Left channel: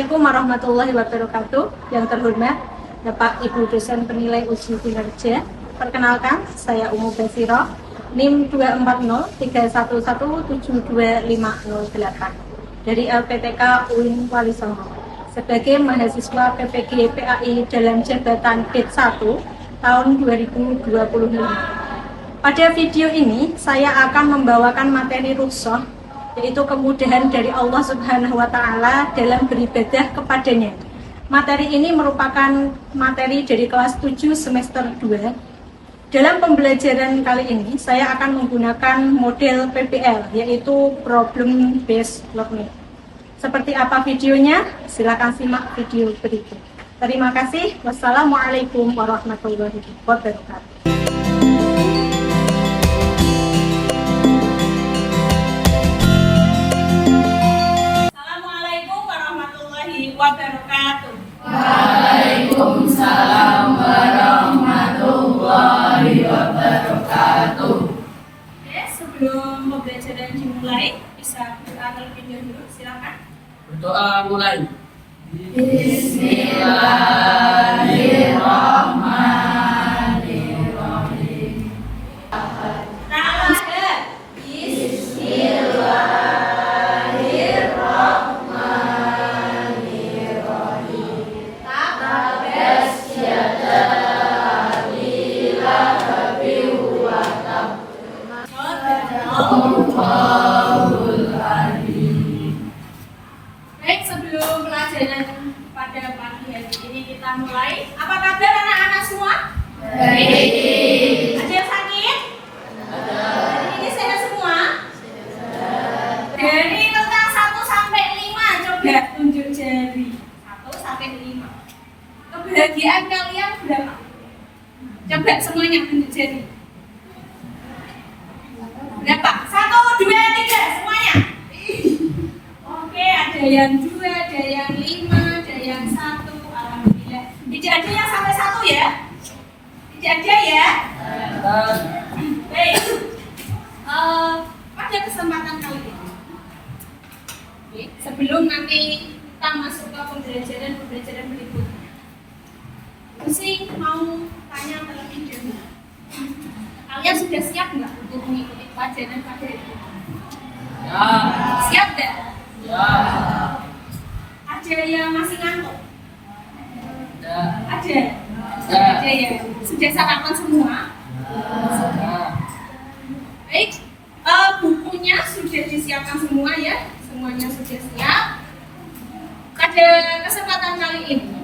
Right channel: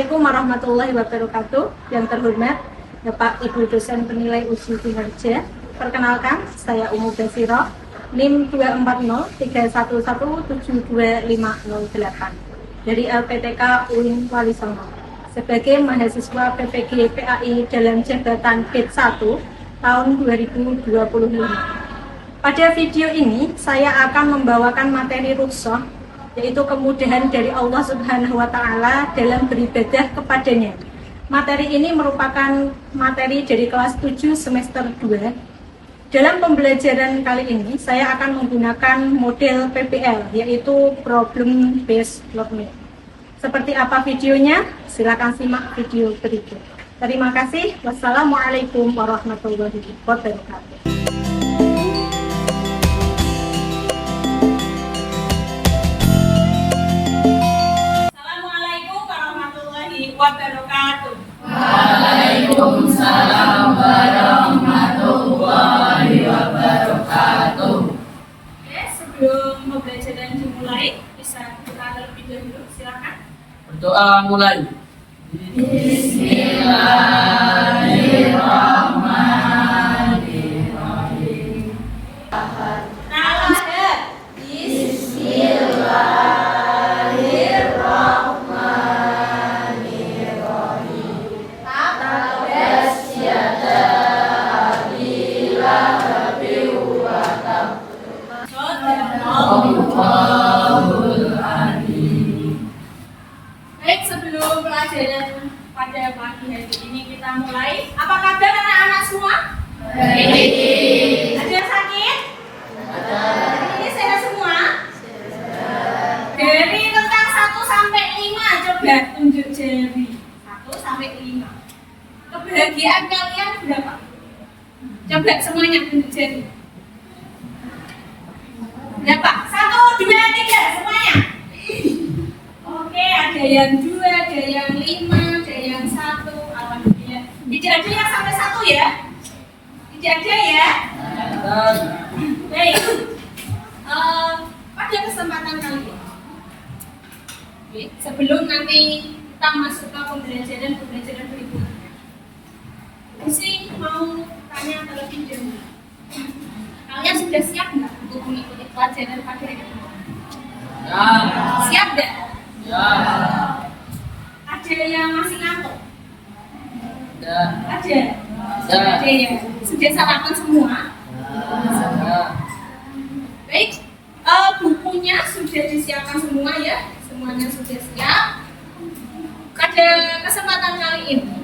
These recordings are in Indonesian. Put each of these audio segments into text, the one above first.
Assalamualaikum warahmatullahi wabarakatuh. Yang terhormat Bapak Ibu dosen penilai uji kinerja. Perkenalkan, saya Umu Basiroh, NIM 24030717258 dari LPTK UIN Wali Songo sebagai mahasiswa PPG PAI dalam jabatan PIT 1 tahun 2025. Pada video ini saya akan membawakan materi rukhsah, yaitu kemudahan dari Allah Subhanahu wa Ta'ala dalam beribadah kepadanya. Materi ini merupakan materi dari kelas 7 semester 2. Dalam pembelajaran kali ini saya akan menggunakan model PBL, yaitu Problem Based Learning. Seperti apa videonya? Silakan simak video berikut. Terima kasih. Wassalamualaikum warahmatullahi wabarakatuh. Wabarakatuh. Waalaikumsalam warahmatullahi wabarakatuh. Oke, sebelum pembelajaran dimulai, bisa berdoa terlebih dahulu, silakan. Berdoa mulai. Bismillahirrahmanirrahim. Baik, sebelum pelajaran pada pagi hari ini kita mulai. Apa kabar anak-anak semua? Baik. Ada yang sakit? Ada. Hari ini sehat semua? Dari rentang 1 sampai 5, coba tunjuk jari. 1 sampai 5. Kebahagiaan kalian berapa? Coba semuanya tunjuk jari. Berapa? 1, 2, 3, semuanya. Oke, ada yang 2, ada yang 5, ada yang 1. Alhamdulillah. Tidak ada yang sampai 1 ya? Tidak ada ya? Baik. Pada kesempatan kali ini, oke, sebelum nanti kita masuk ke pembelajaran berikutnya, Usi mau tanya terlebih dahulu. Kalian sudah siap nggak untuk mengikuti pelajaran pada hari ini? Ya. Siap nggak? Ya. Ada yang masih ngantuk? Ya. Ada? Ya. Ada ya? Sudah sarapan semua? Ya. Baik, bukunya sudah disiapkan semua ya? Semuanya sudah siap. Pada kesempatan kali ini,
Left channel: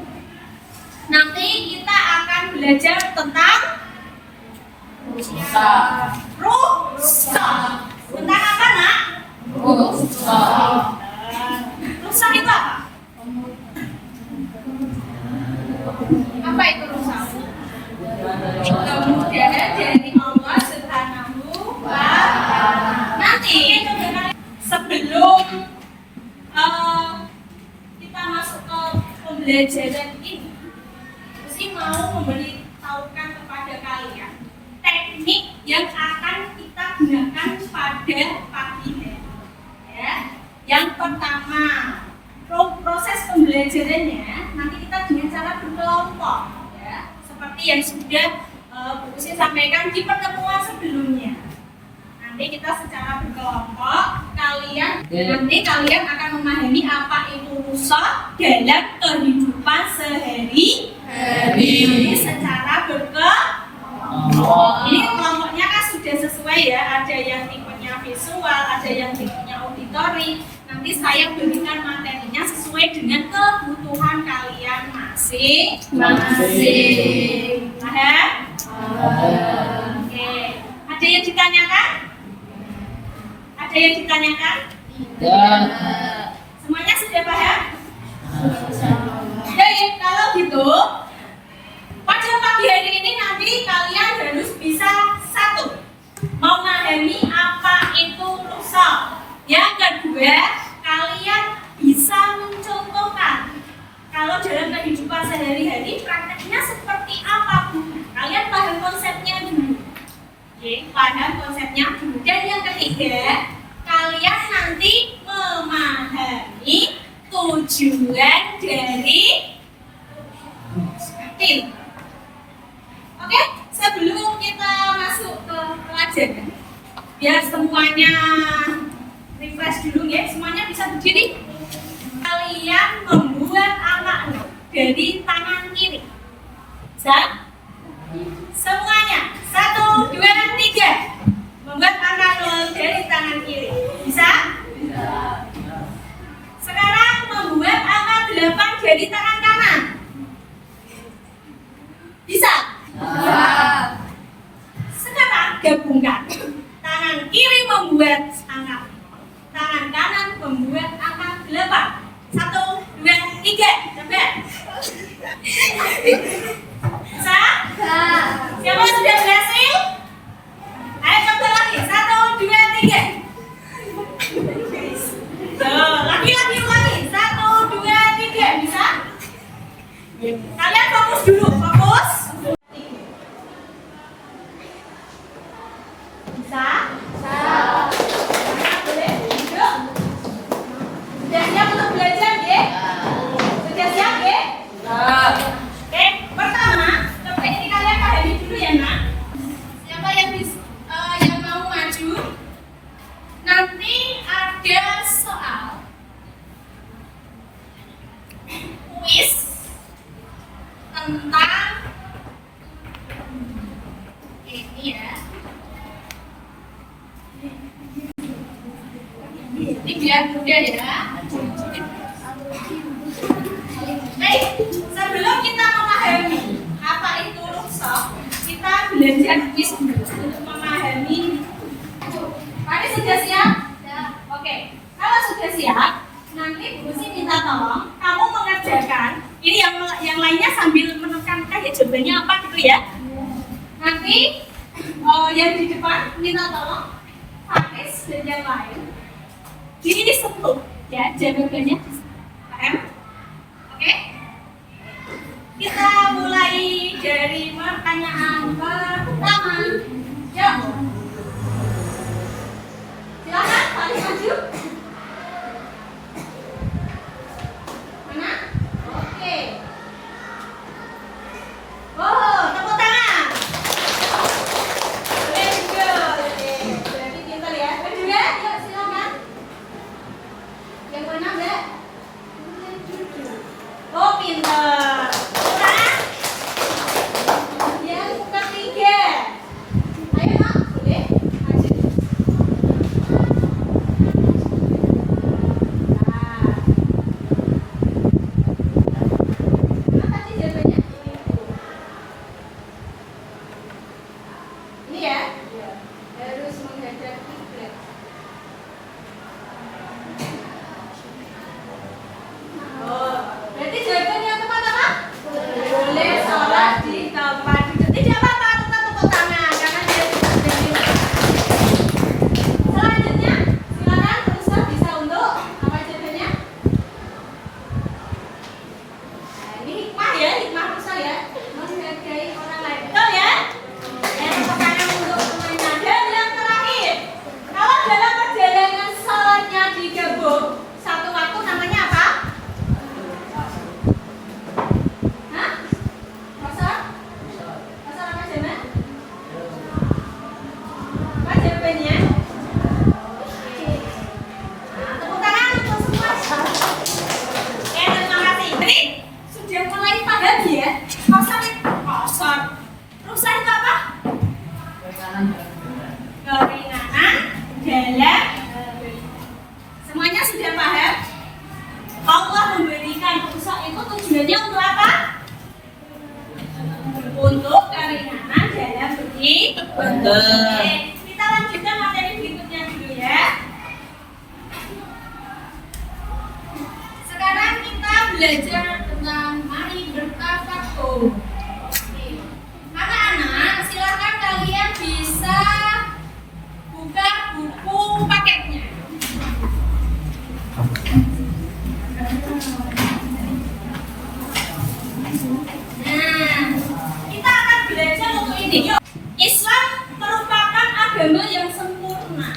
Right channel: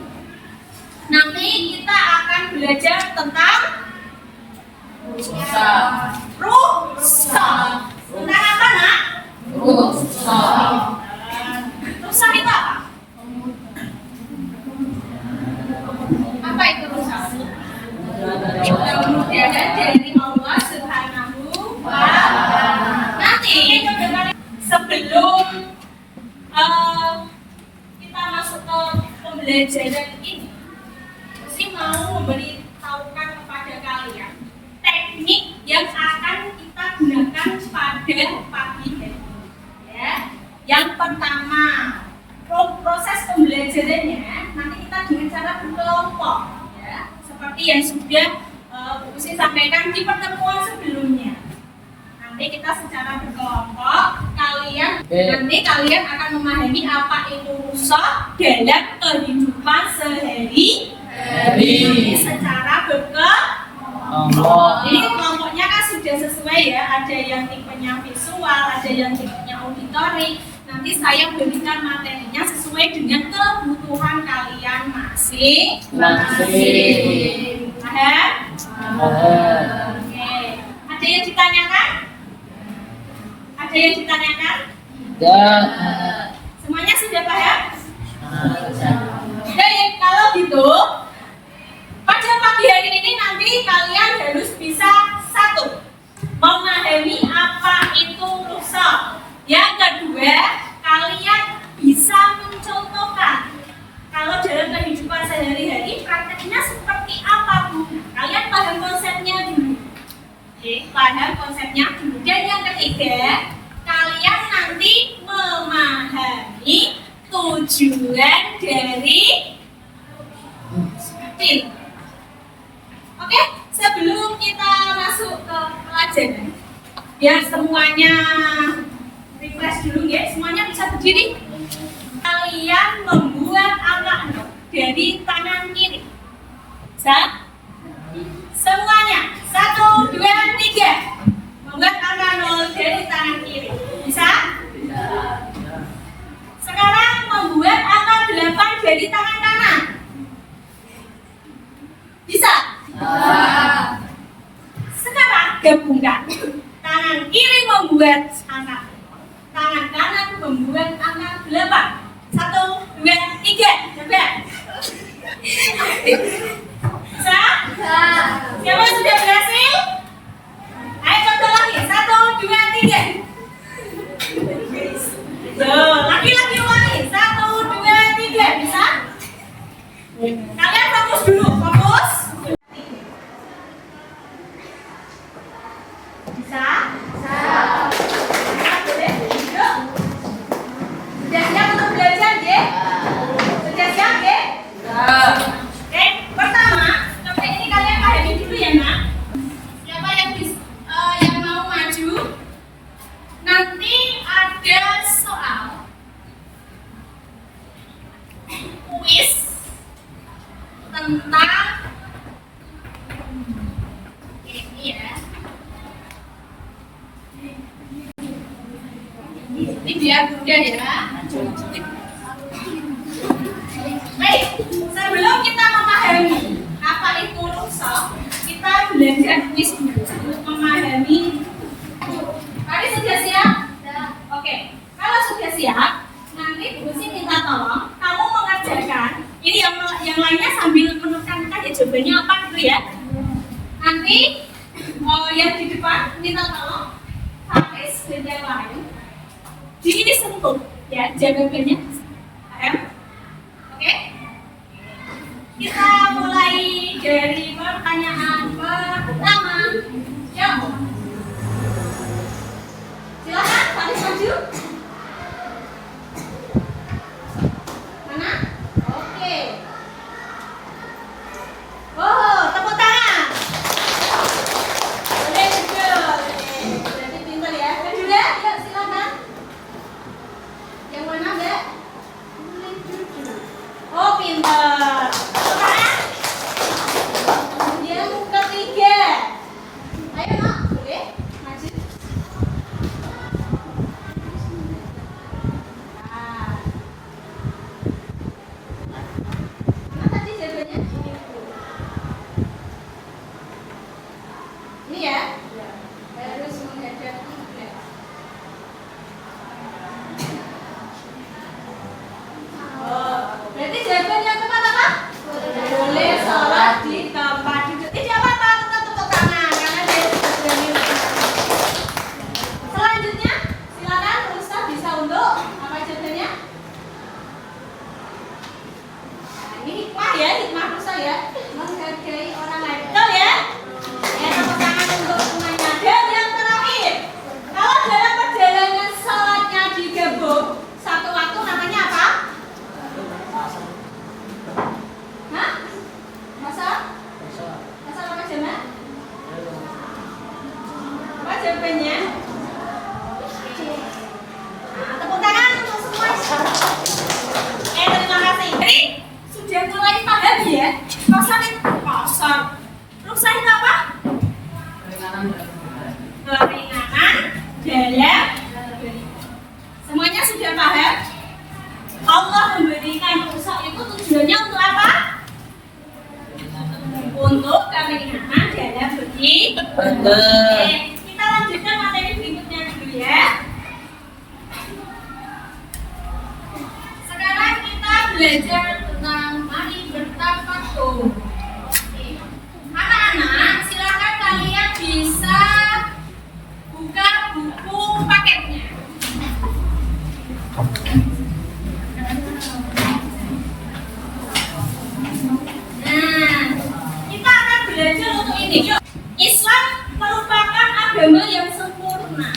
nanti kita akan belajar tentang Rukhsah. rukhsah. Tentang apa, Nak? Rukhsah. Rukhsah itu apa? Apa itu rukhsah? Kemudahan dari Allah Subhanahu wa Ta'ala. Nanti sebelum kita masuk ke pembelajaran ini, saya mau memberitahukan kepada kalian teknik yang akan kita gunakan pada pagi hari. Ya. Yang pertama, proses pembelajarannya nanti kita dengan cara berkelompok, ya. Seperti yang sudah Bu Usi sampaikan di pertemuan sebelumnya. Nanti kita secara berkelompok, nanti kalian akan memahami apa itu rukhsah dalam kehidupan sehari-hari secara berkelompok. Ini kelompoknya kan sudah sesuai ya, ada yang tipenya visual, ada yang tipenya auditory. Nanti saya berikan materinya sesuai dengan kebutuhan kalian masing-masing. Paham? Oke. Ada yang ditanyakan? Ada yang ditanyakan? Ya. Semuanya sudah paham? Baik, kalau gitu pada pagi hari ini nanti kalian harus bisa satu, memahami apa itu rukhsah. Yang kedua, kalian bisa mencontohkan kalau dalam kehidupan sehari-hari prakteknya seperti apa, Bu. Kalian paham konsepnya dulu. Oke, paham konsepnya dulu. Dan yang ketiga, kalian nanti memahami tujuan dari pil. Oke, sebelum kita masuk ke pelajaran, biar semuanya refresh dulu ya, semuanya bisa berdiri. Kalian membuat angka 0 dari tangan kiri. Bisa? Semuanya 1, 2, 3 membuat angka 0 dari tangan kiri. Bisa? Sekarang membuat angka 8 dari tangan kanan. Bisa? Sekarang gabungkan. Tangan kiri membuat angka, tangan kanan membuat angka 8. 1, 2, 3. Coba. Bisa? Siapa sudah berhasil? Ayo coba lagi. 1, 2, 3. Lagi-lagi ulangi. 1, 2, 3. Bisa? Kalian fokus dulu. Fokus. Bisa? Boleh duduk. Sudah siap untuk belajar, ya? Sudah siap, ya? Oke, pertama, coba ini kalian pahami dulu ya, Nak. Siapa yang mau maju? Nanti ada soal kuis tentang ini ya. Ini biar mudah ya. Baik, sebelum kita memahami apa itu rusok, kita belajar kuis dulu untuk memahami. Kalian sudah siap? Oke, kalau sudah siap, nanti Bu Sih minta tolong kamu mengerjakan. Ini yang lainnya sambil menekan aja jawabannya apa gitu ya. Nanti yang di depan minta tolong Hafiz dan yang lain. Ini disentuh ya jawabannya. Paham? Oke? Kita mulai dari pertanyaan pertama. Jawab. Silakan, Hafiz maju. Mana? Oke. Oh, tepuk tangan. Boleh duduk. Berarti pintar ya. Kedua, yuk silakan. Yang mana, Mbak? Boleh duduk. Oh, pintar. Tepuk tangan. Yang ketiga. Ayo, Nak. Boleh? Maju. Mana tadi jawabannya? Ini ya? Harus menghadap kiblat. Oh, berarti jawaban yang tepat apa? Boleh sholat di tempat duduk. Tidak apa-apa, tetap tepuk tangan karena dia sudah nilai. Selanjutnya, silakan Ustaz bisa untuk apa jawabannya? Nah, ini hikmah ya, hikmah Ustaz ya, menghargai orang lain. Betul ya? Tepuk tangan untuk semuanya. Dan yang terakhir, kalau dalam perjalanan sholatnya digabung satu waktu namanya apa? Hah? Masa? Masa apa jaman? Apa jawabannya? Nah, tepuk tangan untuk semua. Terima kasih. Jadi sudah mulai paham ya? Pasar itu pasar. Rusak itu apa? Keringanan dalam. Semuanya sudah paham? Allah memberikan rusak itu tujuannya untuk apa? Untuk keringanan dalam beribadah. Oke, kita lanjutkan materi berikutnya dulu ya. Sekarang kita belajar tentang mari bertafakur. Anak-anak, silakan kalian bisa buka buku paketnya. Nah, kita akan belajar untuk ini. Yuk. Islam merupakan agama yang sempurna.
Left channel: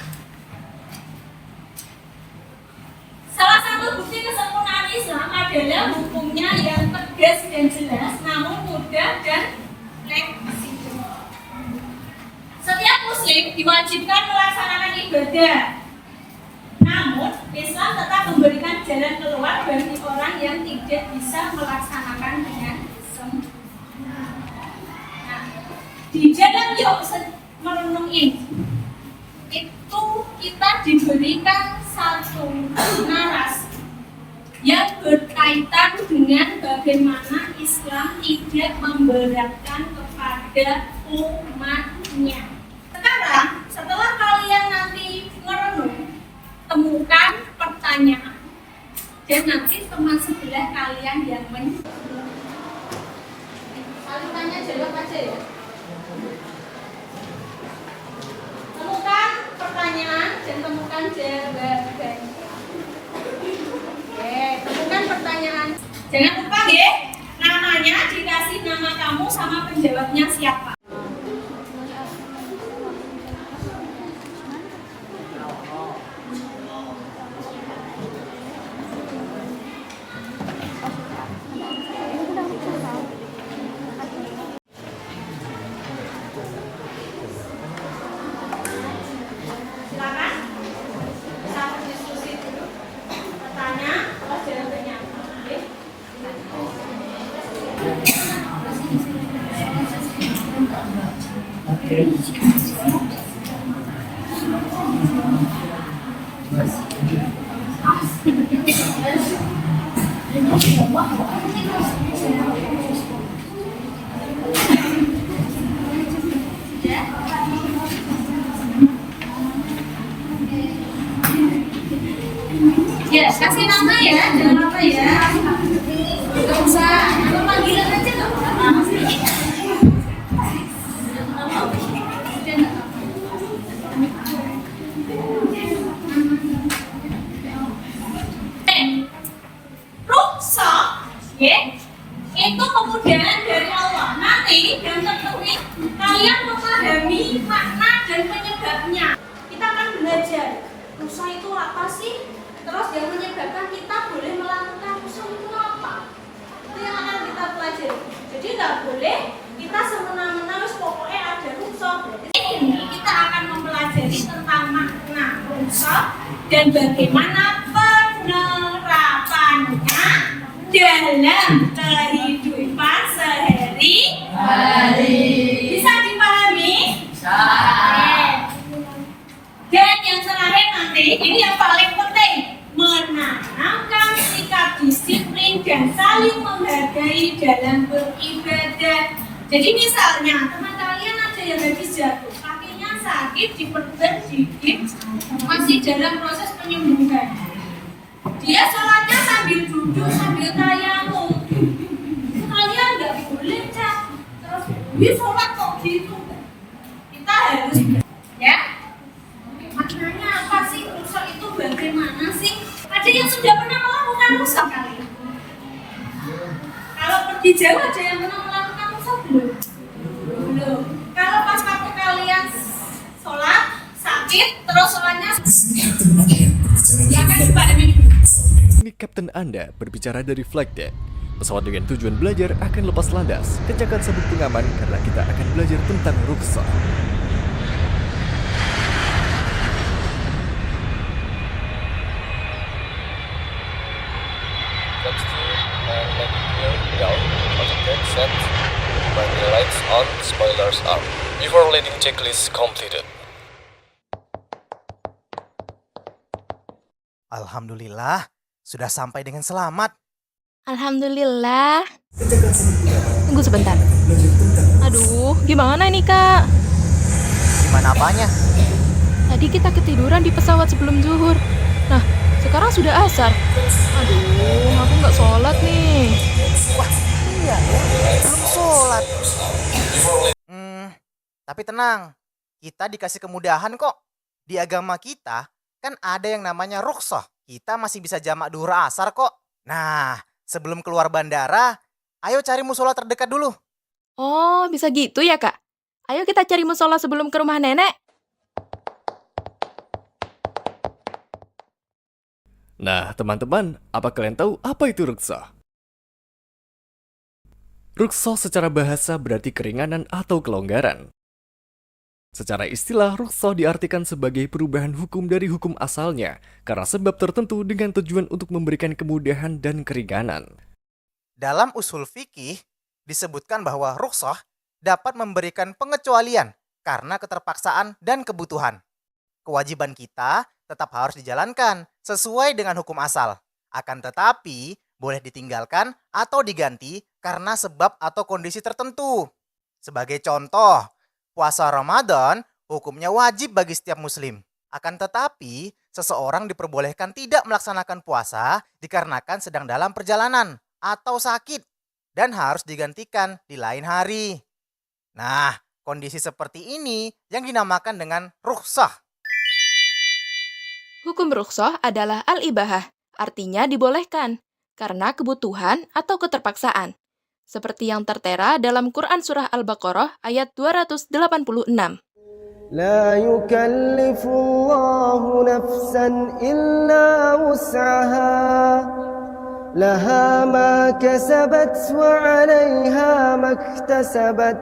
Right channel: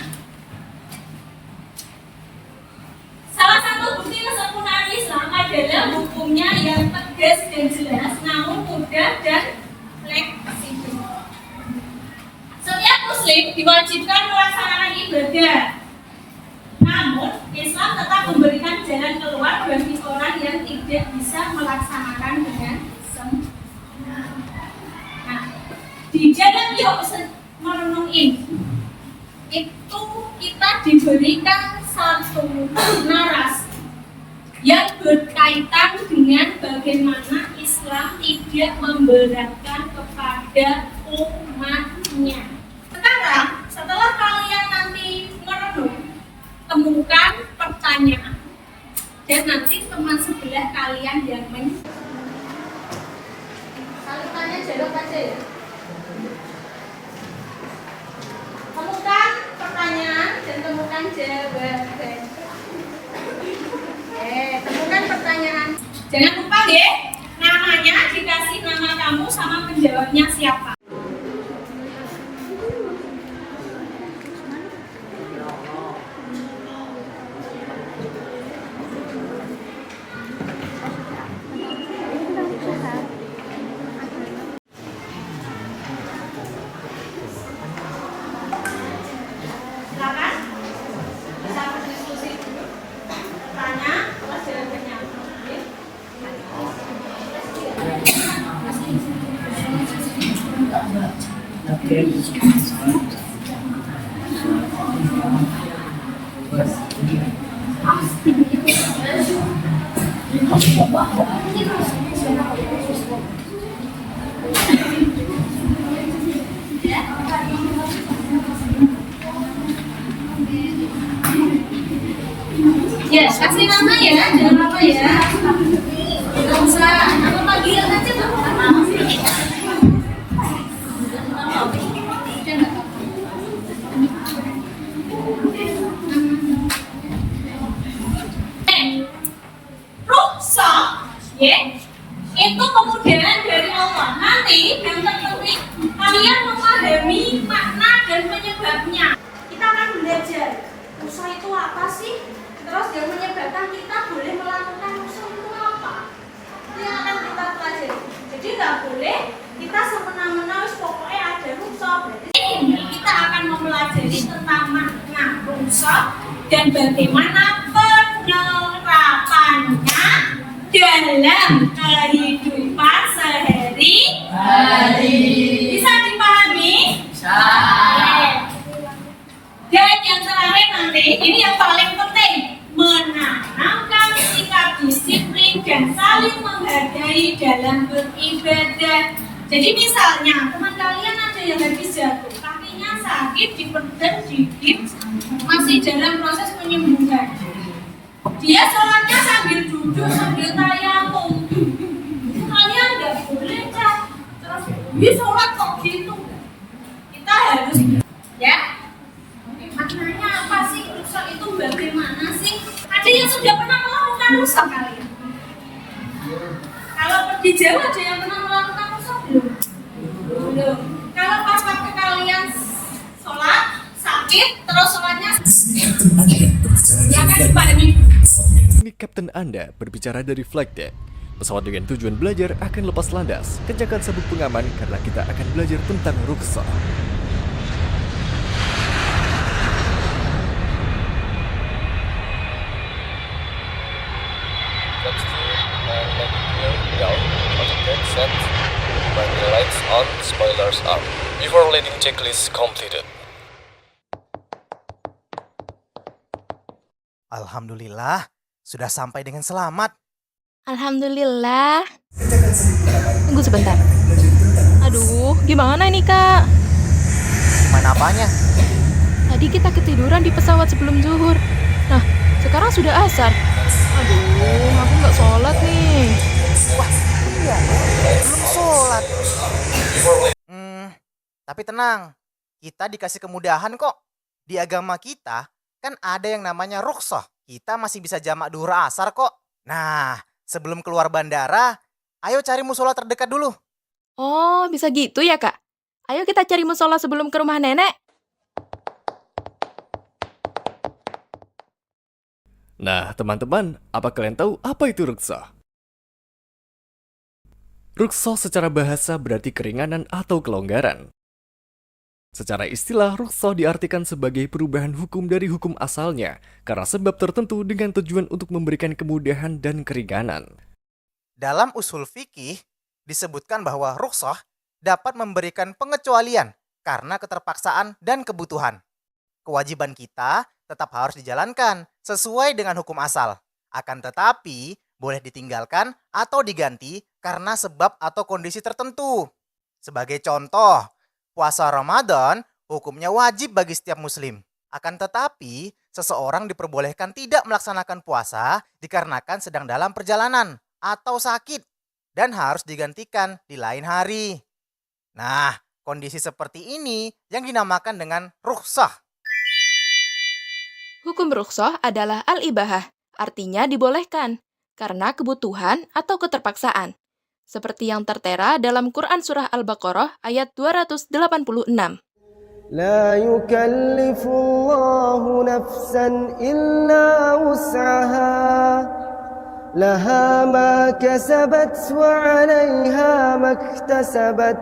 Salah satu bukti kesempurnaan Islam adalah hukumnya Muslim diwajibkan melaksanakan ibadah. Namun, Islam tetap memberikan jalan keluar bagi orang yang tidak bisa melaksanakan dengan sempurna. Nah, di dalam yuk merenung ini, itu kita diberikan satu narasi yang berkaitan dengan bagaimana Islam tidak memberatkan kepada umatnya. Sekarang, setelah kalian nanti merenung, temukan pertanyaan dan nanti teman sebelah kalian yang kalian tanya jawab aja ya. Temukan pertanyaan dan temukan jawaban. Temukan pertanyaan. Jangan lupa ya, namanya dikasih nama kamu sama penjawabnya siapa. Silakan. Bisa berdiskusi dulu. Tanya, terus jawabannya. Ya, kasih nama ya, jangan lupa ya. Nggak usah, nama panggilan aja nggak apa-apa. Udah nggak apa-apa. Rukhsah, ya, itu kemudahan dari Allah. Nanti yang tertulis kalian memahami makna dan penyebabnya. Kita akan belajar rukhsah itu apa sih? Terus yang menyebabkan kita boleh melakukan rukhsah itu apa? Itu yang akan kita pelajari. Jadi nggak boleh kita semena-mena wis pokoknya ada rukhsah. Ini kita akan mempelajari tentang makna rukhsah dan bagaimana penerapannya dalam kehidupan sehari-hari. Bisa dipahami? Bisa. Dan yang terakhir nanti, ini yang paling penting, menanamkan sikap disiplin dan saling menghargai dalam beribadah. Jadi misalnya teman kalian ada yang habis jatuh, kakinya sakit, diperban, digigit, masih dalam proses penyembuhan. Dia sholatnya sambil duduk, sambil tayamum. Kalian nggak boleh Cak. Terus, dia sholat kok gitu. Kita harus, ya. Maknanya apa sih? Rukhsah itu bagaimana sih? Ada yang sudah pernah melakukan rukhsah kalian? Kalau di Jawa ada yang pernah melakukan rukhsah belum? Belum. Kalau pas waktu kalian sholat, sakit, terus sholatnya ya kan pada minggu. Ini Kapten Anda berbicara dari flight deck. Pesawat dengan tujuan belajar akan lepas landas. Kencangkan sabuk pengaman karena kita akan belajar tentang rukhsah. Next to and landing gear down, autodeck set, runway lights on, spoilers up. Before landing checklist completed. Alhamdulillah, sudah sampai dengan selamat. Alhamdulillah. Tunggu sebentar. Aduh, gimana ini kak? Gimana apanya? Tadi kita ketiduran di pesawat sebelum zuhur. Nah, sekarang sudah asar. Aduh, aku nggak sholat nih. Wah, iya ya, belum sholat. Tapi tenang, kita dikasih kemudahan kok. Di agama kita, kan ada yang namanya rukhsah. Kita masih bisa jamak duhur asar kok. Nah, sebelum keluar bandara, ayo cari musola terdekat dulu. Oh, bisa gitu ya kak? Ayo kita cari musola sebelum ke rumah nenek. Nah, teman-teman, apa kalian tahu apa itu rukhsah? Rukhsah secara bahasa berarti keringanan atau kelonggaran. Secara istilah, rukhsah diartikan sebagai perubahan hukum dari hukum asalnya karena sebab tertentu dengan tujuan untuk memberikan kemudahan dan keringanan. Dalam usul fikih disebutkan bahwa rukhsah dapat memberikan pengecualian karena keterpaksaan dan kebutuhan. Kewajiban kita tetap harus dijalankan sesuai dengan hukum asal. Akan tetapi, boleh ditinggalkan atau diganti karena sebab atau kondisi tertentu. Sebagai contoh, puasa Ramadan hukumnya wajib bagi setiap muslim. Akan tetapi, seseorang diperbolehkan tidak melaksanakan puasa dikarenakan sedang dalam perjalanan atau sakit dan harus digantikan di lain hari. Nah, kondisi seperti ini yang dinamakan dengan rukhsah. Hukum rukhsah adalah al-ibahah, artinya dibolehkan, karena kebutuhan atau keterpaksaan. Seperti yang tertera dalam Quran Surah Al-Baqarah ayat 286. لا يكلف الله نفسا إلا وسعها لها ما كسبت وعليها ما اكتسبت.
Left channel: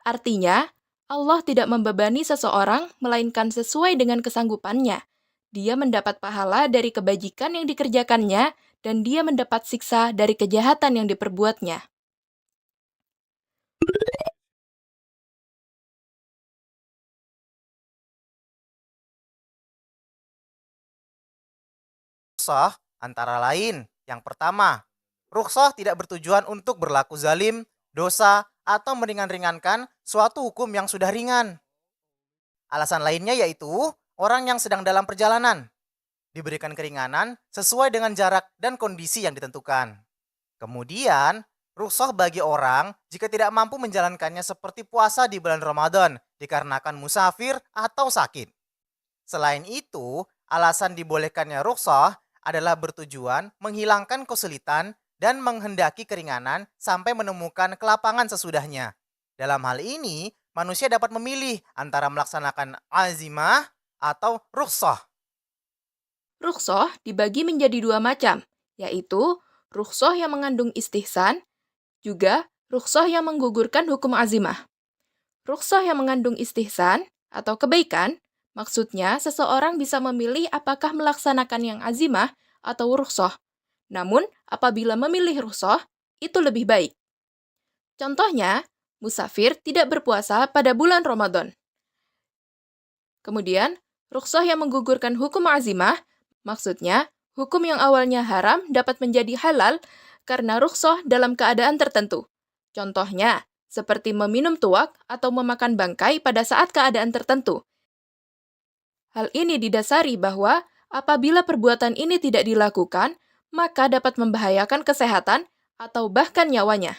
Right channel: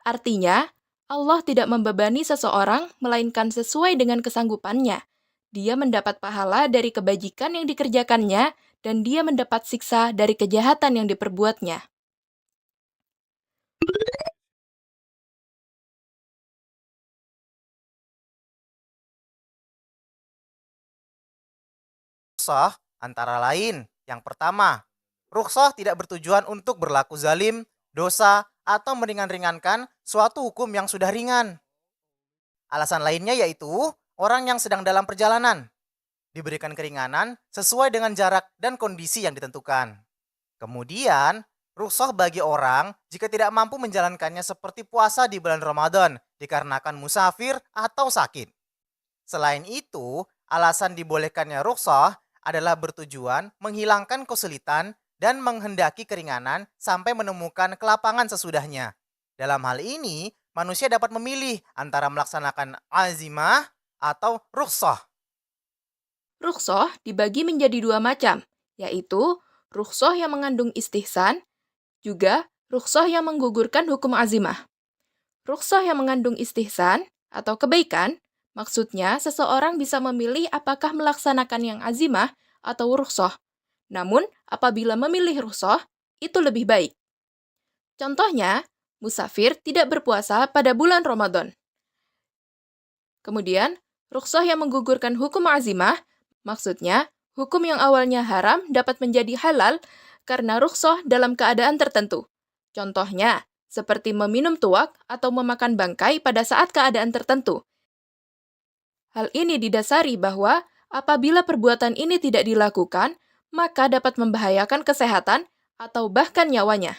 Artinya, Allah tidak membebani seseorang melainkan sesuai dengan kesanggupannya. Dia mendapat pahala dari kebajikan yang dikerjakannya dan dia mendapat siksa dari kejahatan yang diperbuatnya. Rukhsah antara lain, yang pertama, rukhsah tidak bertujuan untuk berlaku zalim, dosa, atau meringan-ringankan suatu hukum yang sudah ringan. Alasan lainnya yaitu orang yang sedang dalam perjalanan diberikan keringanan sesuai dengan jarak dan kondisi yang ditentukan. Kemudian, rukhsah bagi orang jika tidak mampu menjalankannya seperti puasa di bulan Ramadan dikarenakan musafir atau sakit. Selain itu, alasan dibolehkannya rukhsah adalah bertujuan menghilangkan kesulitan dan menghendaki keringanan sampai menemukan kelapangan sesudahnya. Dalam hal ini, manusia dapat memilih antara melaksanakan azimah atau rukhsah. Rukhsah dibagi menjadi dua macam, yaitu rukhsah yang mengandung istihsan, juga rukhsah yang menggugurkan hukum azimah. Rukhsah yang mengandung istihsan atau kebaikan, maksudnya seseorang bisa memilih apakah melaksanakan yang azimah atau rukhsah. Namun, apabila memilih rukhsah, itu lebih baik. Contohnya, musafir tidak berpuasa pada bulan Ramadan. Kemudian, rukhsah yang menggugurkan hukum azimah, maksudnya hukum yang awalnya haram dapat menjadi halal karena rukhsah dalam keadaan tertentu. Contohnya, seperti meminum tuak atau memakan bangkai pada saat keadaan tertentu. Hal ini didasari bahwa apabila perbuatan ini tidak dilakukan, maka dapat membahayakan kesehatan atau bahkan nyawanya.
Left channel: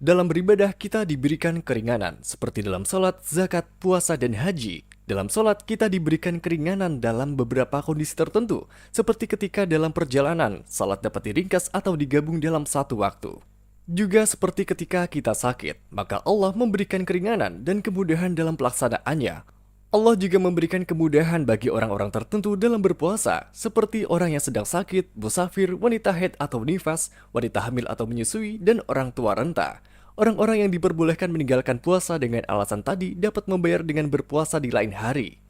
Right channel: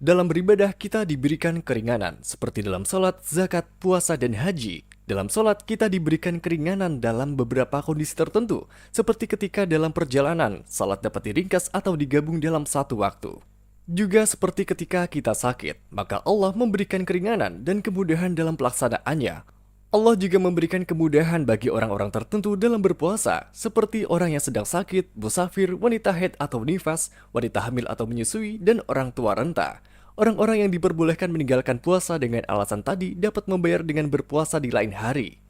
Dalam beribadah kita diberikan keringanan, seperti dalam sholat, zakat, puasa, dan haji. Dalam sholat kita diberikan keringanan dalam beberapa kondisi tertentu, seperti ketika dalam perjalanan, sholat dapat diringkas atau digabung dalam satu waktu. Juga seperti ketika kita sakit, maka Allah memberikan keringanan dan kemudahan dalam pelaksanaannya. Allah juga memberikan kemudahan bagi orang-orang tertentu dalam berpuasa, seperti orang yang sedang sakit, musafir, wanita haid atau nifas, wanita hamil atau menyusui, dan orang tua renta. Orang-orang yang diperbolehkan meninggalkan puasa dengan alasan tadi dapat membayar dengan berpuasa di lain hari.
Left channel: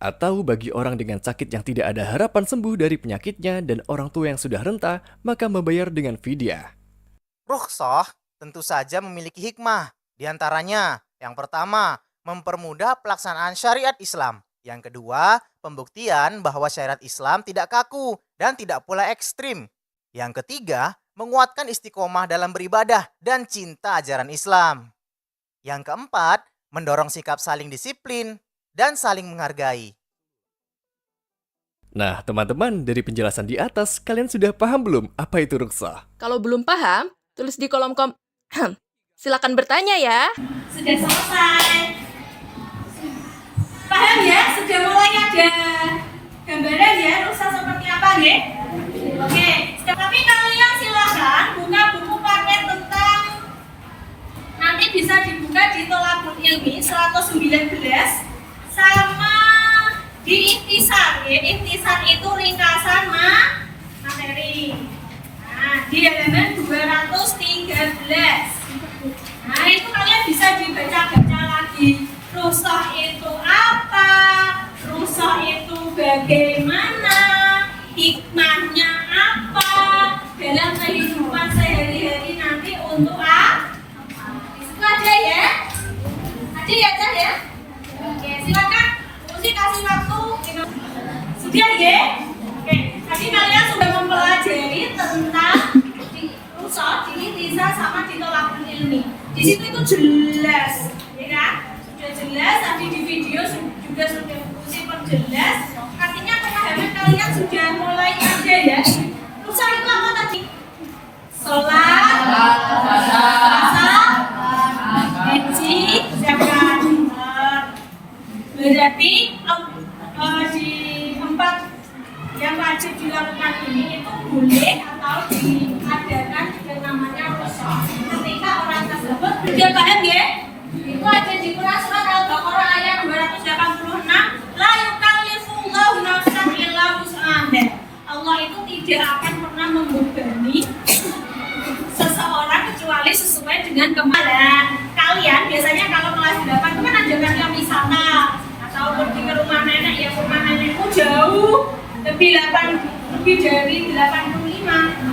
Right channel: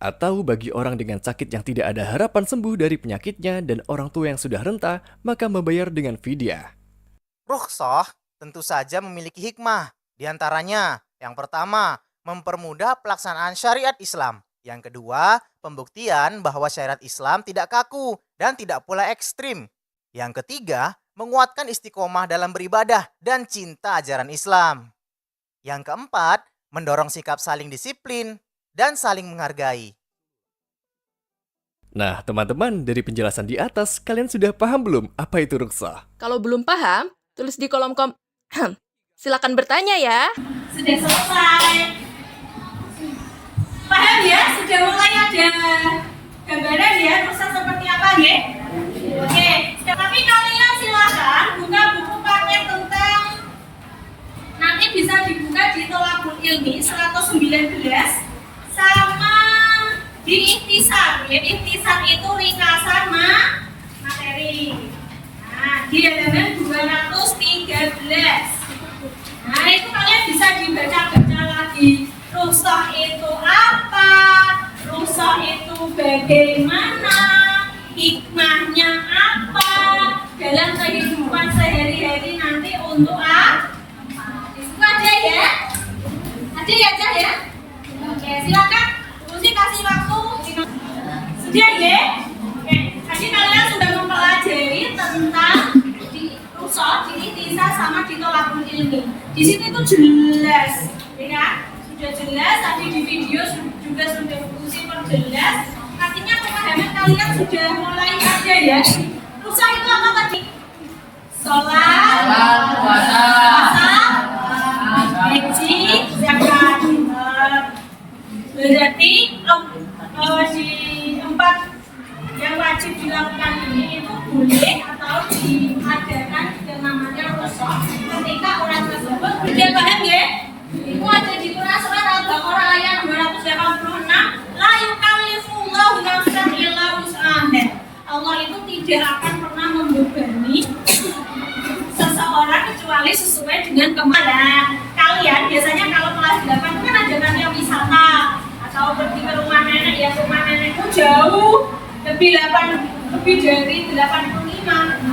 Atau bagi orang dengan sakit yang tidak ada harapan sembuh dari penyakitnya dan orang tua yang sudah renta, maka membayar dengan fidyah. Rukhsah tentu saja memiliki hikmah. Di antaranya, yang pertama, mempermudah pelaksanaan syariat Islam. Yang kedua, pembuktian bahwa syariat Islam tidak kaku dan tidak pula ekstrim. Yang ketiga, menguatkan istiqomah dalam beribadah dan cinta ajaran Islam. Yang keempat, mendorong sikap saling disiplin dan saling menghargai. Nah, teman-teman, dari penjelasan di atas, kalian sudah paham belum apa itu rukhsah? Kalau belum paham, tulis di kolom silakan bertanya ya. Sudah selesai. Paham ya? Sudah mulai ada gambaran ya, rukhsah seperti apa ya? Oke, tapi kalian silakan buka buku paket tentang, nanti bisa dibuka di Tholaqul Ilmi 119 sama di Ikhtisar ya. Ikhtisar itu ringkasan materi. Nah, di halaman 213. Nah, itu kalian bisa dibaca-baca lagi. rukhsah itu apa? Rukhsah itu bagaimana? Hikmahnya apa? Dalam kehidupan sehari-hari nanti untuk apa? Itu aja ya. Aja ya. Oke, silakan. Usi kasih waktu. Sudah ya? Oke, tadi kalian sudah mempelajari tentang rukhsah, Tisa sama ditolakul ilmi. Di situ itu jelas, ya kan? Sudah jelas. Tadi di video juga sudah Usi perjelas. Artinya pemahaman kalian sudah mulai ada ya. Rukhsah itu apa tadi? Sholat, puasa, haji, zakat. Berarti di 4 yang wajib dilakukan ini itu boleh atau diadakan yang namanya rukhsah ketika orang tersebut sudah paham ya? Itu ada di Quran surat Al-Baqarah ayat 286, la yukallifullahu nafsan illa wus'aha. Allah itu tidak akan pernah membebani seseorang kecuali sesuai dengan kemampuan. Kalian biasanya kalau kelas 8 itu kan ajakannya wisata atau pergi ke rumah nenek, ya rumah nenekmu jauh lebih dari 85,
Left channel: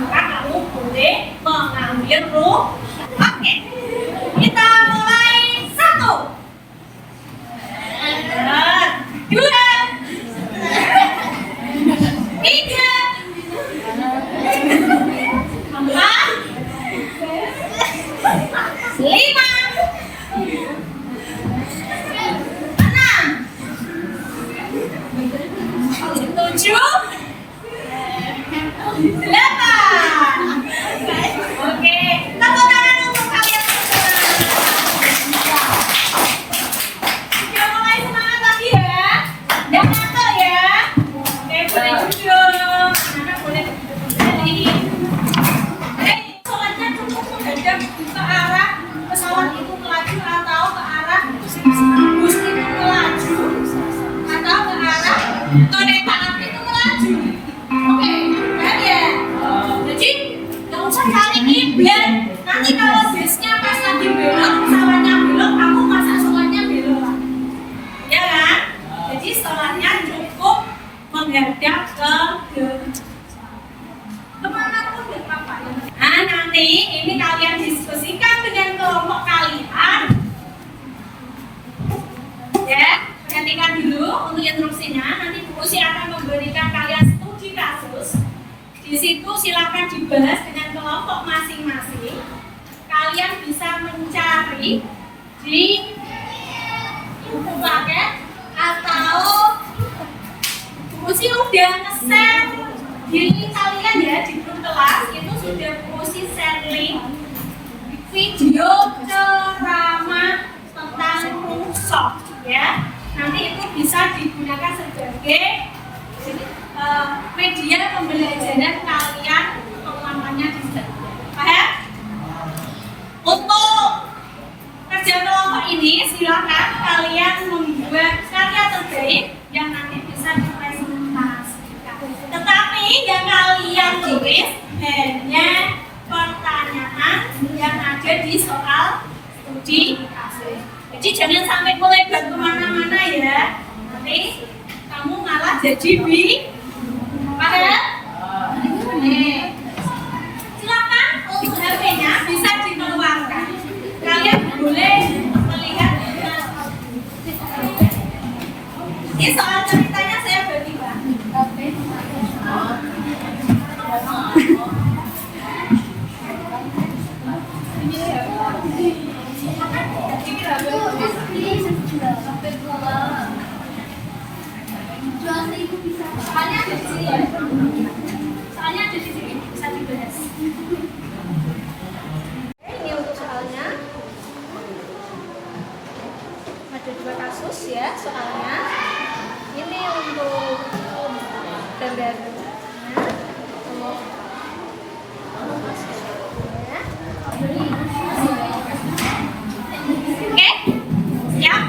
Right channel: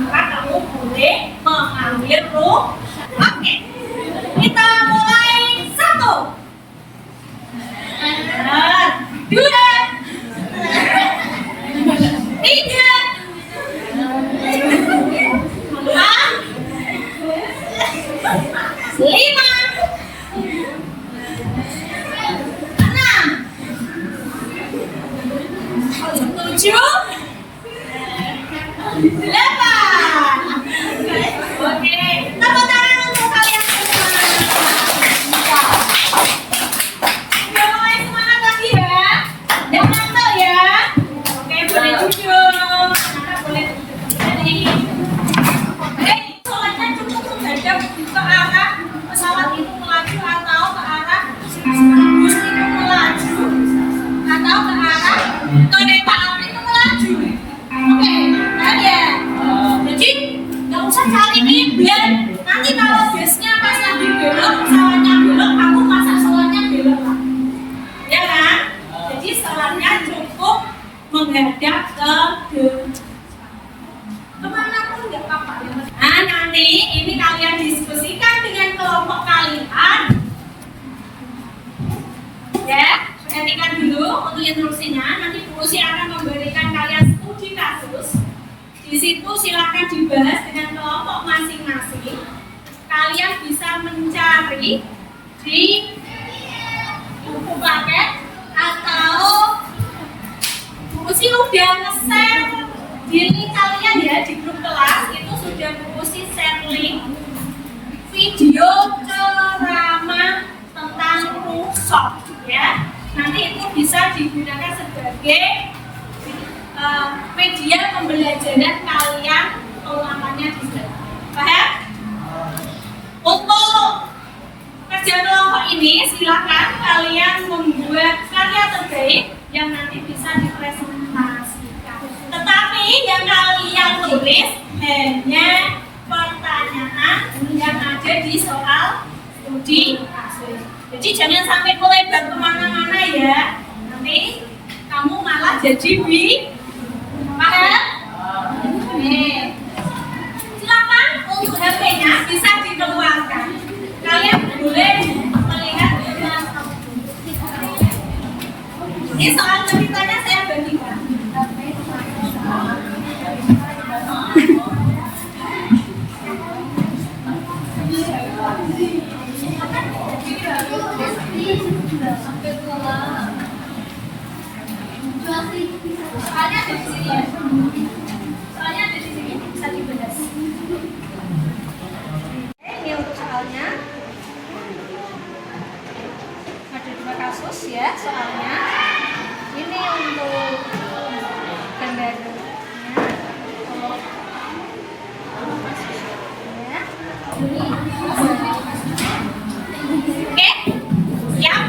maka kamu boleh mengambil rukhsah. Oke, kita mulai 1, 2, 3, 4, 5, 7, 8. Oke, tepuk tangan untuk kalian semua. Sudah mulai semangat lagi ya. Jangan ngantuk ya. Oke, boleh duduk. Anak boleh duduk kembali. Sholatnya cukup menghadap ke arah pesawat itu melaju atau ke arah bus itu melaju atau ke arah kereta api itu melaju. Oke, ya. Jadi nggak usah cari kiblat. Nanti kalau busnya pas lagi belok, pesawatnya belok, kamu masa sholatnya belok lah, ya kan? Jadi sholatnya cukup menghadap ke kemana pun nggak apa-apa. Nah, nanti ini kalian diskusikan dengan kelompok kalian, ya. Perhatikan dulu untuk instruksinya. Nanti Bu Usi akan memberikan kalian studi kasus. Di situ silakan dibahas dengan kelompok masing-masing. Kalian bisa mencari di buku paket atau Bu Usi udah nge-share di link kalian ya di grup kelas. Itu sudah Bu Usi share link video ceramah tentang rukhsah ya. Nanti itu bisa digunakan sebagai media pembelajaran kalian pengulangannya di sana. Paham? Untuk kerja kelompok ini silakan kalian membuat karya terbaik yang nanti bisa dipresentasikan. Tetapi yang kalian tulis hanya pertanyaan yang ada di soal studi kasus. Jadi jangan sampai melebar kemana-mana ya. Nanti kamu malah jadi paham? Silakan untuk HP-nya bisa dikeluarkan. Kalian boleh melihat. Ini soal ceritanya saya bagi-bagi. Soalnya ada di sini ya. Soalnya ada di sini bisa dibahas. Ini untuk soalnya. Ada 2 kasus ya soalnya. Ini untuk gambarnya. Oke, siap.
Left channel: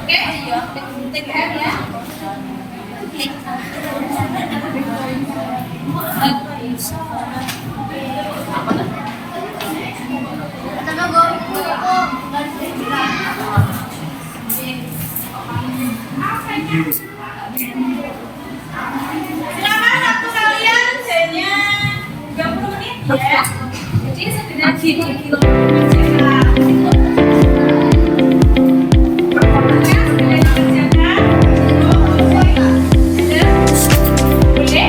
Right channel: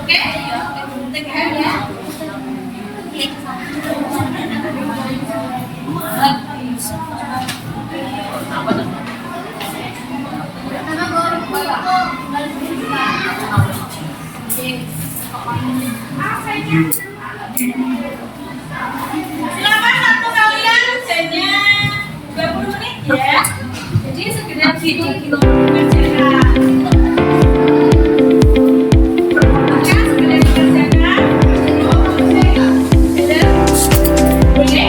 Oke, tekan ya. Silakan waktu kalian jamnya 30 menit ya. Jadi segera dikerjakan. Segera dikerjakan. Boleh?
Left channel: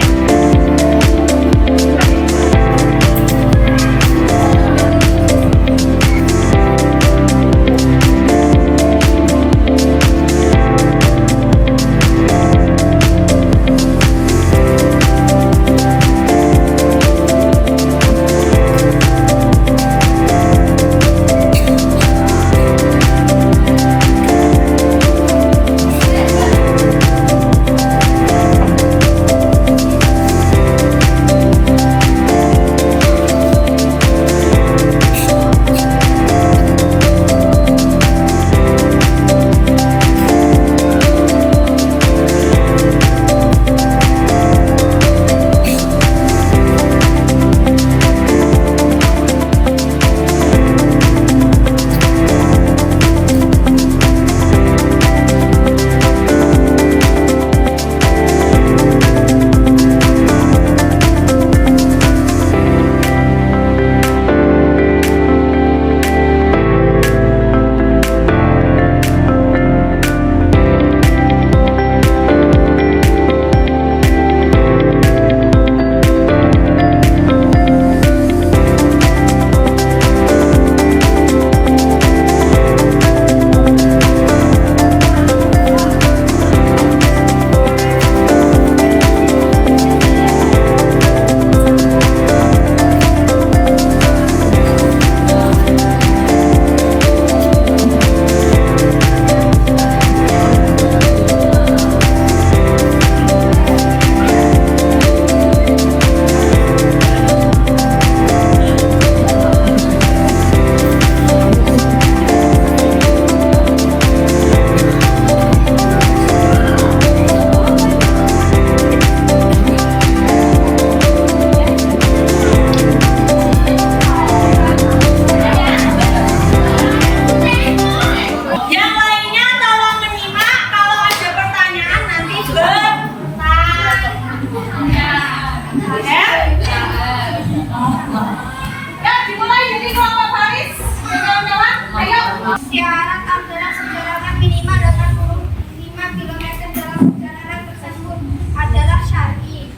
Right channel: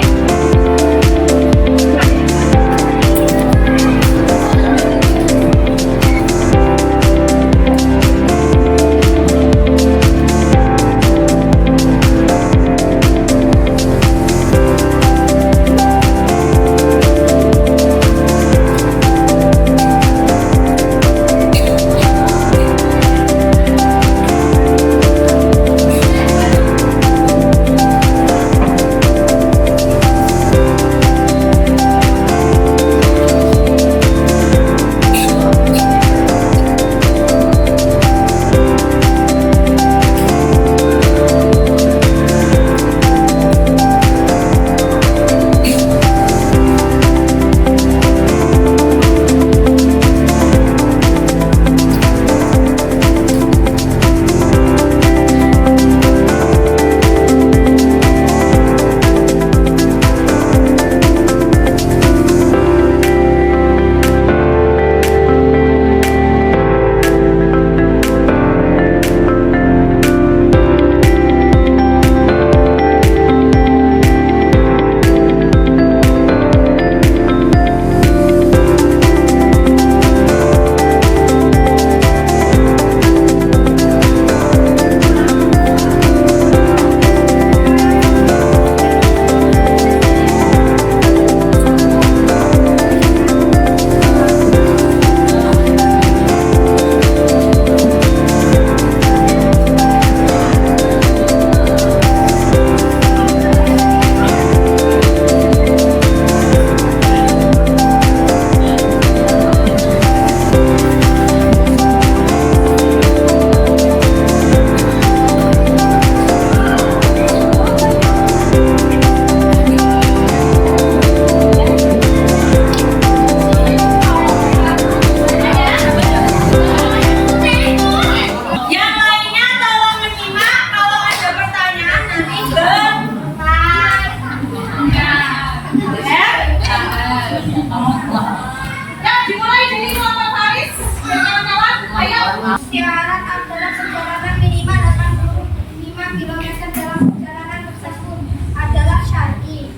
Syarat adalah perjalanan minimal 85 km dalam perjalanan tersebut adalah syar'i.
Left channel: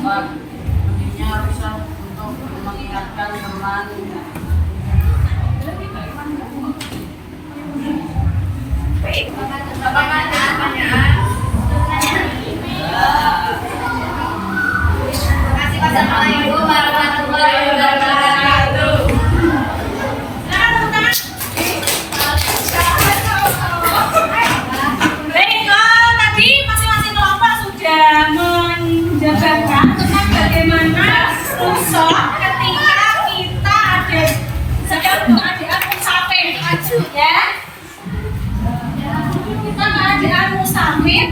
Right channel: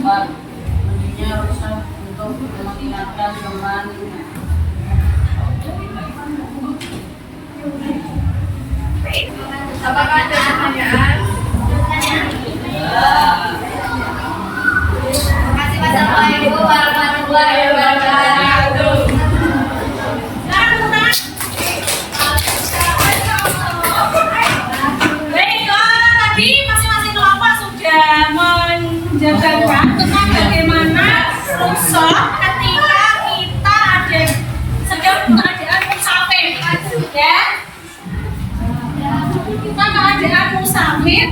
Pentingnya rusak untuk mengingatkan teman. Apakah ada pertanyaan? Terima kasih. Wassalamualaikum warahmatullahi wabarakatuh. Baiklah, tadi masing-masing kelompok sudah menjabarkan tentang bagaimana rukshoh ketika kita ada sedang keadaan musafir, ya. Kita keadaan musafir,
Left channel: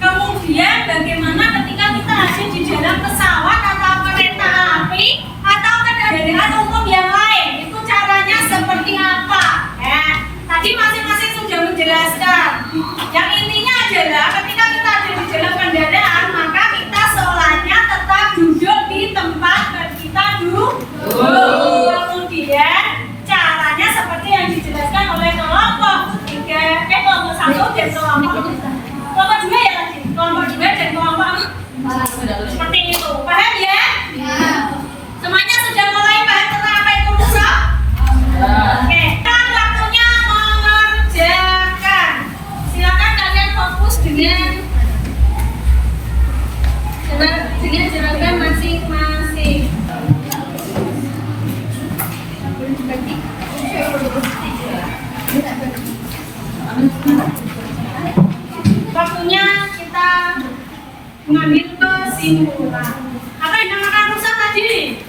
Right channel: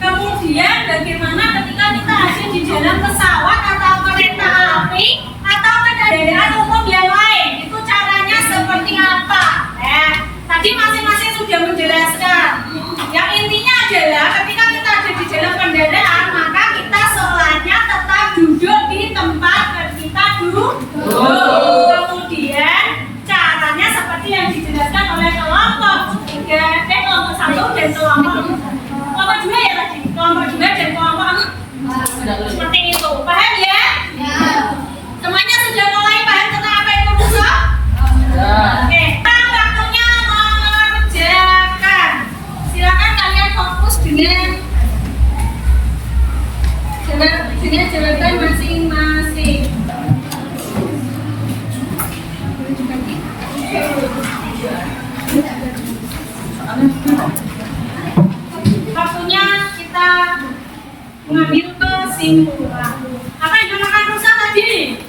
kemudian bagaimana ketika kita ada di dalam pesawat atau kereta api atau kendaraan umum yang lain, itu caranya seperti apa? Ya, tadi masing-masing sudah menjelaskan. Yang intinya adalah ketika kita ada di dalam kendaraan, maka kita sholatnya tetap duduk di tempat kita duduk. Kemudian caranya seperti yang dijelaskan oleh kelompok 1 dan kelompok 2 ya tadi, kelompok 2 dan kelompok 4 seperti itu. Paham ya? Semuanya sudah mulai paham tentang apa itu rukshoh? Oke, sekarang waktunya mengerjakan. Silakan kalian fokus dengan jawaban masing-masing. kesimpulan. Apa yang dinamakan rusak tadi?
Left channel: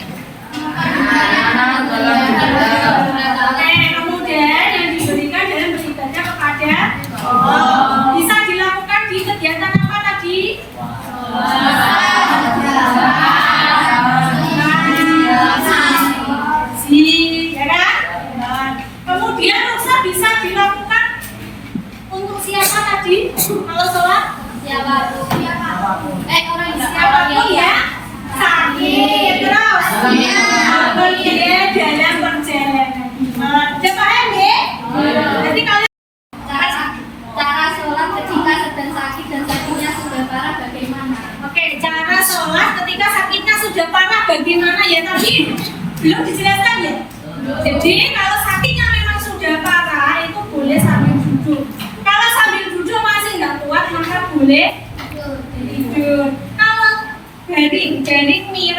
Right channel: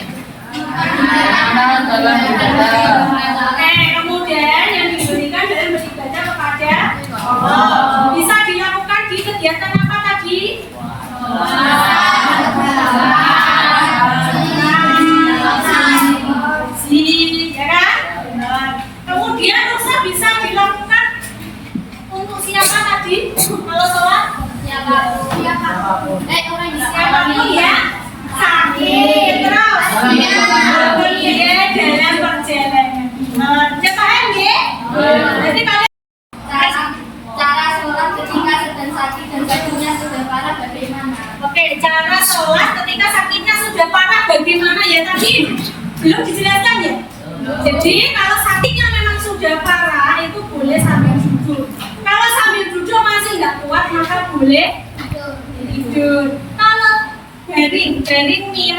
Anak dalam ibadah. Oke, kemudian yang diberikan dalam beribadah kepada Allah. Bisa dilakukan di kegiatan apa tadi? Ya kan? Kemudian rusak bisa dilakukan untuk siapa tadi? Kalau sholat? Siapapun ya. Sakit terus. Pergi dalam perjalanan. Ya paham ya? Jadi kalian Cara sholat ketika sedang sakit dan sakitnya sudah parah bagaimana? Oke, cara sholat ketika sakitnya sudah parah bagaimana ya tadi? Belum dijelaskan ya? Jadi kalau sakitnya memang sudah parah itu boleh sambil duduk. Kalau sambil duduk masih nggak kuat maka boleh tidur. Kalau baring miring ya,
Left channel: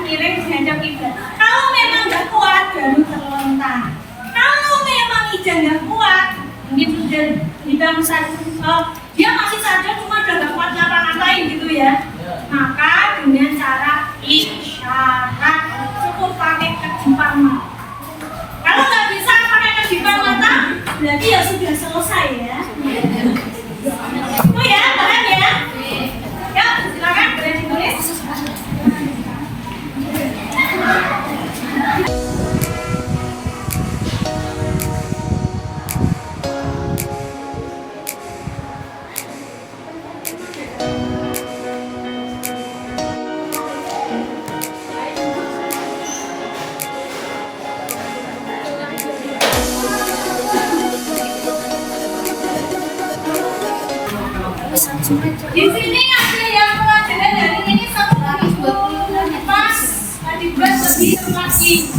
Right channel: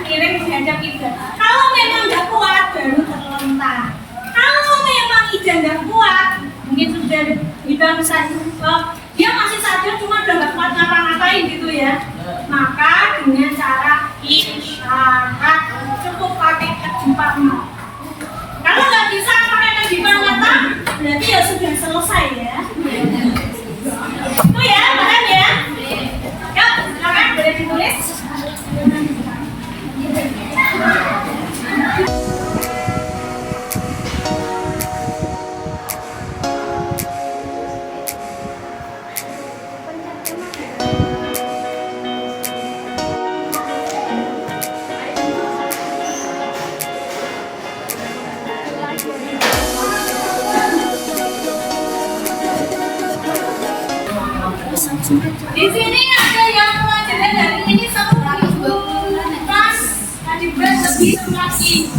miring menghadap kiblat. Kalau memang nggak kuat baru terlentang. Kalau memang ida nggak kuat mungkin sudah dibangun satu, dia masih sadar cuma udah nggak kuat ngapa-ngapain gitu ya. Maka dengan cara isyarat cukup pakai kedipan mata. Kalau nggak bisa pakai kedipan mata, berarti ya sudah selesai ya. Itu ya, paham ya? Yuk, silakan boleh ditulis. Di sini ada yang pelajaran dari ini 1.000 pas dibuat lebih lagi.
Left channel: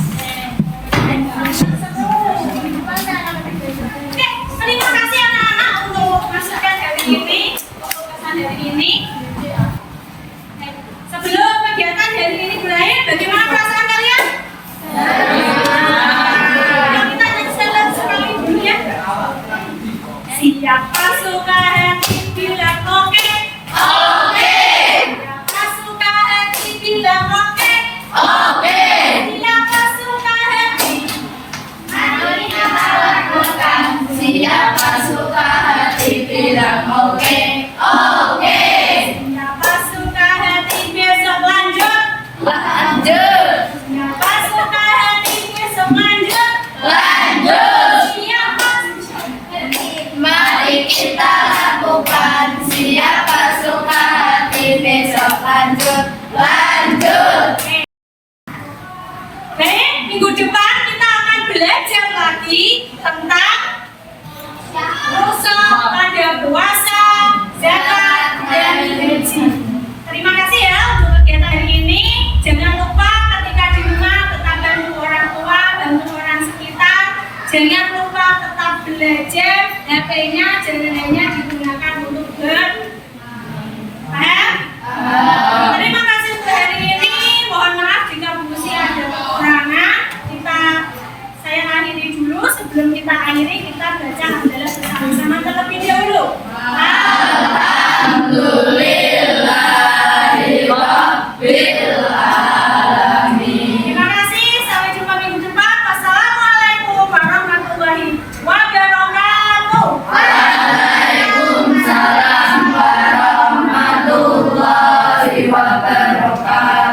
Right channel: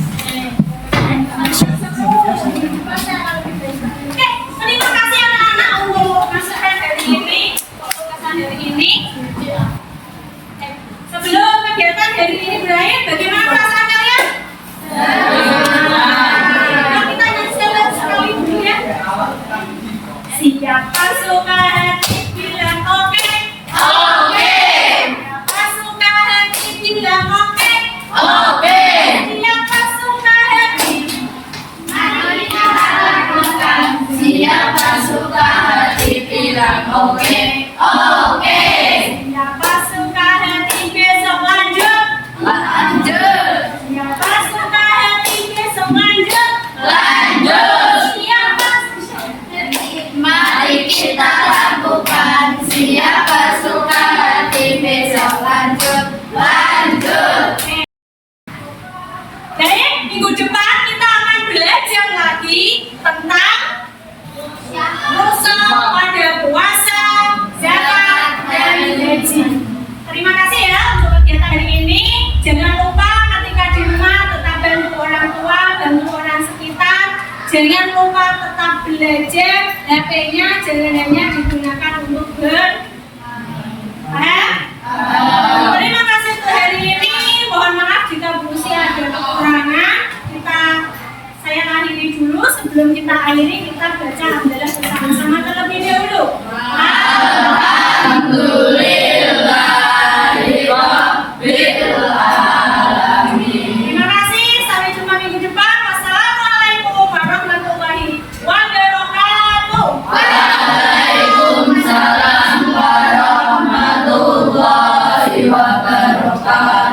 Oke, terima kasih anak-anak untuk masukan dari ini, kesan dari ini. Sebelum kegiatan dari ini berakhir, bagaimana perasaan kalian? Yuk kita nyanyi sekali dulu ya. Siapa suka hati bilang oke. Siapa suka hati bilang oke. Siapa suka hati, mari kita lakukan. Siapa suka hati bilang oke. Siapa suka hati besok lanjut. Siapa suka hati besok lanjut. Siapa Mari kita lakukan. Siapa suka hati besok lanjut. Baik, minggu depan kita akan belajar lagi tentang rusak pada puasa, zakat, dan haji. Terima kasih ya untuk kegiatan hari ini. Jangan lupa ketika di rumah tetap bantu orang tua, bantu orang sekitar. Jangan lupa tetap belajar. HP-nya jangan hanya digunakan untuk paham? Terima kasih untuk hari ini. Mohon maaf jika Bu Usi ada kekurangan. Saya akhiri dulu. Sebelum kita akhiri, kita baca hamdalah bersama-sama terlebih dahulu. Terima kasih. Sampai jumpa minggu depan. Wassalamualaikum warahmatullahi wabarakatuh. Waalaikumsalam warahmatullahi wabarakatuh.